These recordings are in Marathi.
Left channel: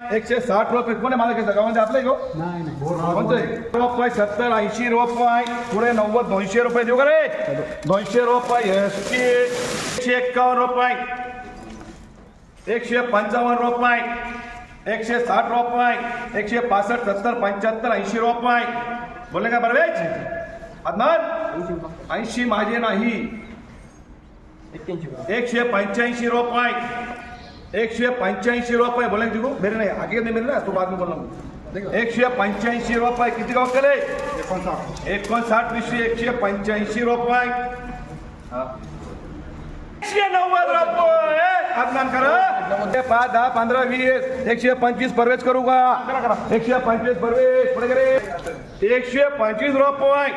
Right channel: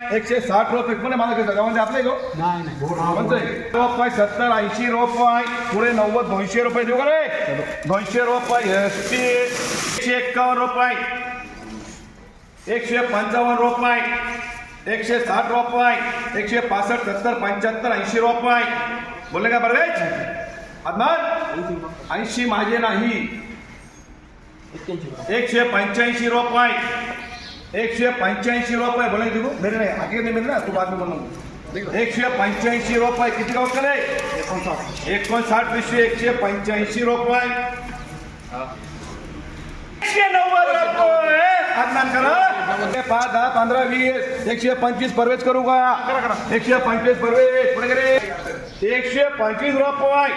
एकशे साठ रुपये कोणी मला घेतो गावामध्ये आपले गो म्हणतोय रुपये सत्तर ऐंशी रुपये पुढे नव्वद दोनशे रुपये देऊ का रे? दोनशे रुपये एस टी एकशे एक्कावन्न रुपये एकशे पंचावन्न रुपये एकशे साठ रुपये एकशे पासष्ट सत्तर पंच्याहत्तर ऐंशी रुपये बोलले का बरवेज अदनान ऐंशी माझे नाही. एकशे पंच्याऐंशी एकशे पंच्याऐंशी रुपये बोला तू मेरे नाही आगे नाही मेरे तू बाद में बोलना एकशे पंच्याऐंशी रुपये किती गाव केले एकोणसाठ. विषय एकशे पंच्याऐंशी रुपये. एकशे नव्वद रुपये. अदनान करा. हे पाच दहा पंधरा वीस. एकशे पंचवीस परवेज करू का एकशे पंचवीस परवेज. पुढे करे एकशे पंचवीस रुपये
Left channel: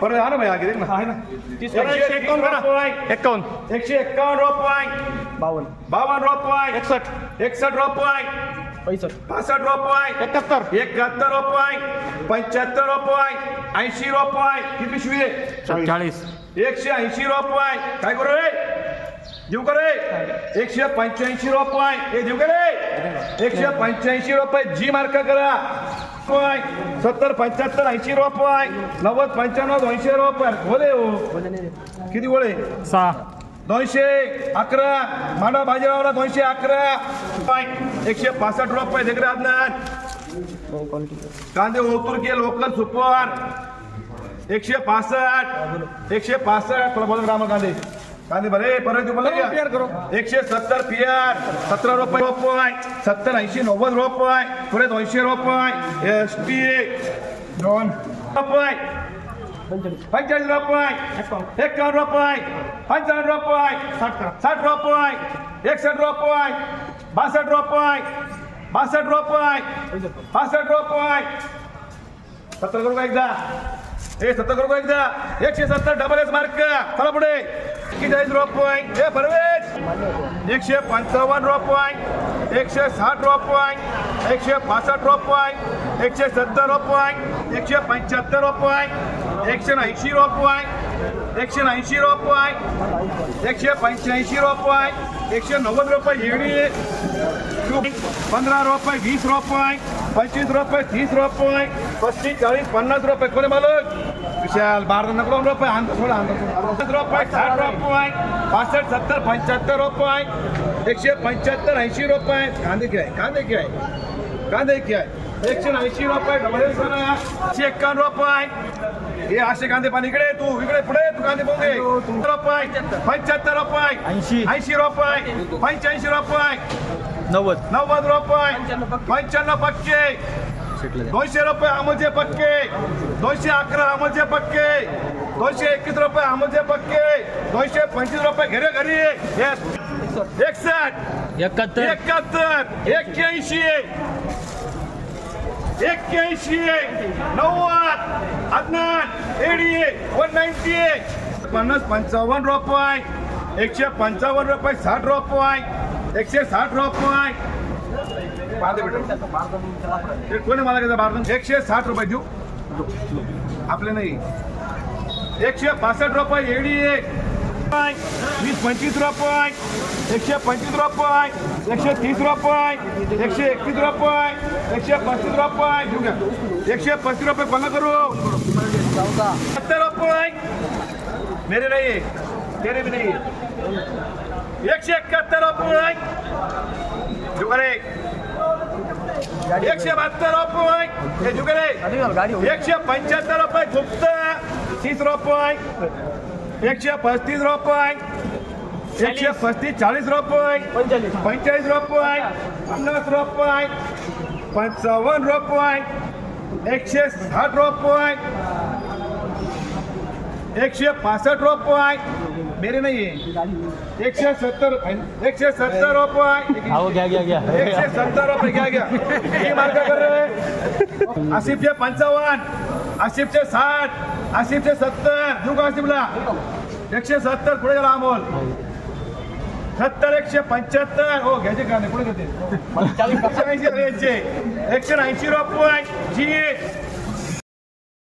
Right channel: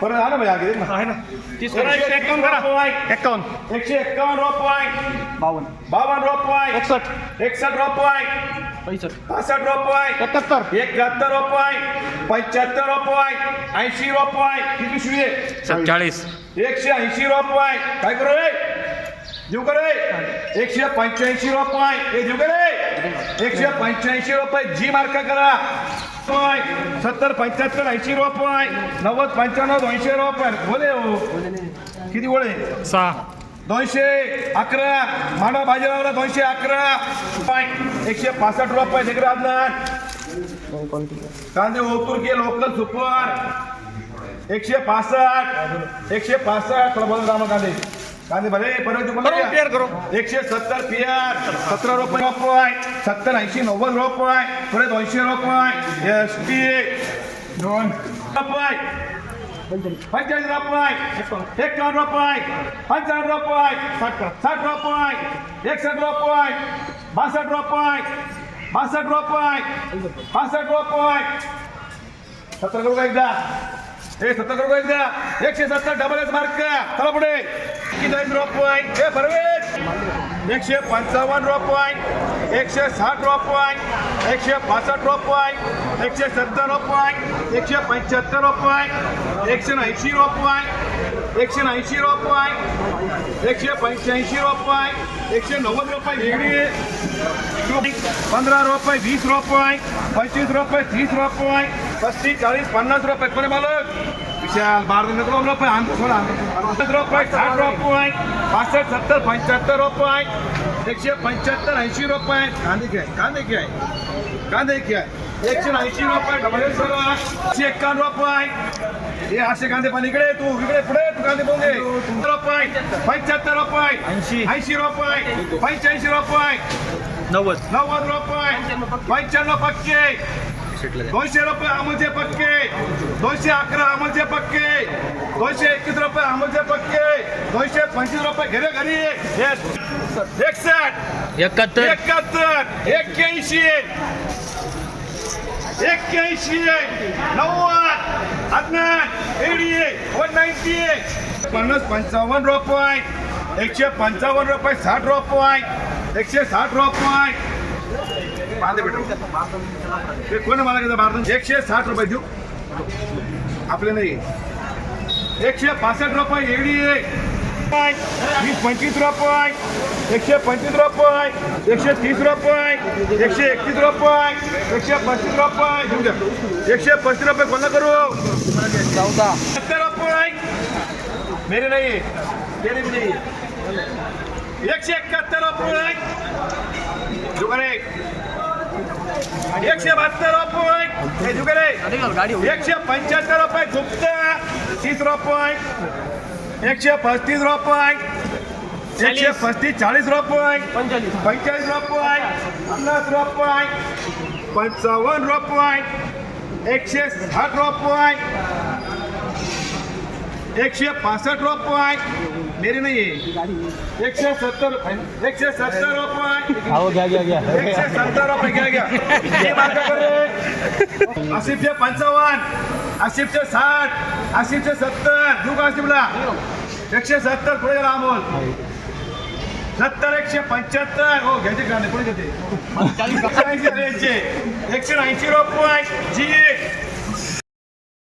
परत हा ना भाई आगे देख ना आहे ना एकशे एक्कावन्न रुपये एक्कावन्न एकशे एक्कावन्न रुपये बावन्न बावन्न रुपये एकसष्ट एकसष्ट रुपये पैसष्ट पासष्ट रुपये एकाहत्तर एकाहत्तर रुपये पंच्याहत्तर रुपये ऐंशी रुपये किती पिशवी आहे सत्ताळीस एकशे ऐंशी रुपये काय करू रे देऊ का रे एकशे पंच्याऐंशी रुपये हे देऊ का रे एकशे पंच्याऐंशी रुपये जी मार्क करा रुपये. सत्तर पंच्याहत्तर ऐंशी रुपये. नव्वद पंच्याण्णव दोनशे रुपये. बोले हो. किती गोळे सहा. दोनशे अकरा. मांडव भाजीवाला दोनशे अकरा. रुपये. एकशे पासष्ट रुपये तिकडे आदनान. कांदे ओतूर के लोकल सुपर. एकशे पासष्ट. एकशे पासष्ट. थोडा बोला रामा कांदे. कांदे भले परत मला पेअर करो. एकशे सत्तर पियार सतरा रुपये. रुपये सत्तर ऐंशी नव्वद रुपये पुढे दोनशे रुपये एस टी दोन रुपये पंचाळीस रुपये एकावन्न रुपये पंचावन्न रुपये साठ करा. साठ रुपये एकसष्ट रुपये बासष्ट रुपये बासष्ट रुपये पासष्ट रुपये सत्तर करू का एकदा? हे सत्तर करू का एकदा? एकशे सत्तर डबल एस मार्क चला पुढे. चाळीस रुपये हे परवेश एकशे पंचावन्न रुपये एकशे साठ रुपये एकशे पासष्ट रुपये एकशे सत्तर रुपये एकशे पंच्याहत्तर रुपये एकशे ऐंशी रुपये एकशे ऐंशी रुपये एकशे पंच्याऐंशी रुपये एकशे नव्वद रुपये वेगळी पंधरा रुपये वीस रुपये पंचवीस रुपये तीस रुपये पस्तीस चाळीस पन्नास रुपये कोणी मालक विशाल बारा नको रुपये आणतो थोडा आणतो रुपये साठ रुपये पासष्ट सत्तर पंच्याहत्तर रुपये एकशे पंच्याहत्तर ऐंशी रुपये कांदे घ्याय कांदे घ्याय कांदे घ्याय एकशे ऐंशी रुपये डबल एकशे एक्कावन्न रुपये हे असे कांदे पाणी इकडे तू इकडे पुढे तू कांदे बोगे. रुपये पंच्याहत्तर रुपये ऐंशी. ऐंशी रुपये पंच्याऐंशी रुपये नव्वद. नव्वद रुपये पंच्याण्णव पक्के. दोनशे रुपये अमोलचे पक्के. दोनशे अकरा अमोलचे पक्के. दोनशे एकतीस रुपये अमोलचे पक्के. दोनशे पंचवीस रुपये घरे घरी. एकसष्ट एकाहत्तर. एकाहत्तर. एक्क्याऐंशी. एक्क्याऐंशी. नव्वद. अदनान एडी. वन नाईन्टी पन्नास पंचावन्न रुपये. एकशे पंचावन्न रुपये साठ रुपये. एकशे साठ रुपये. हे कोणी मला घेतलं भारत एकशे साठ रुपये देऊ. आपले नाही. एकशे पासष्ट रुपये एडी वीस पंचवीस रुपये. एकशे पंचवीस रुपये. एकशे तीस रुपये. एकशे एकतीस रुपये. एकशे पस्तीस रुपये. एकशे पस्तीस रुपये बंद करू? चौदा सत्तर रुपये. मेरे नाही तेरे भी नाही एकशे एकाहत्तर रुपये. जुगारे एकशे बहात्तर रुपये हे एकशे पंच्याहत्तर रुपये गुप्त तीस रुपये एकशे पस्तीस रुपये एकशे पस्तीस चाळीस रुपये पंचेचाळीस रुपये पन्नास रुपये पंचावन्न रुपये एकशे साठ रुपये एकशे पासष्ट रुपये मेरे नाही। एकशे सत्तर एकशे सत्तर रुपये। एकशे सत्तर रुपये घ्या घ्या हे. आसिफचे पंचावन्न आसिफचे साठ आसिफचे सत्तर देऊ का आसिफला एकशे सत्तर पुढे गेला अमोल सत्तर एकशे पंच्याहत्तर हो घ्यायचे का नाही पुढे घेते. एकशे ऐंशी रुपये जी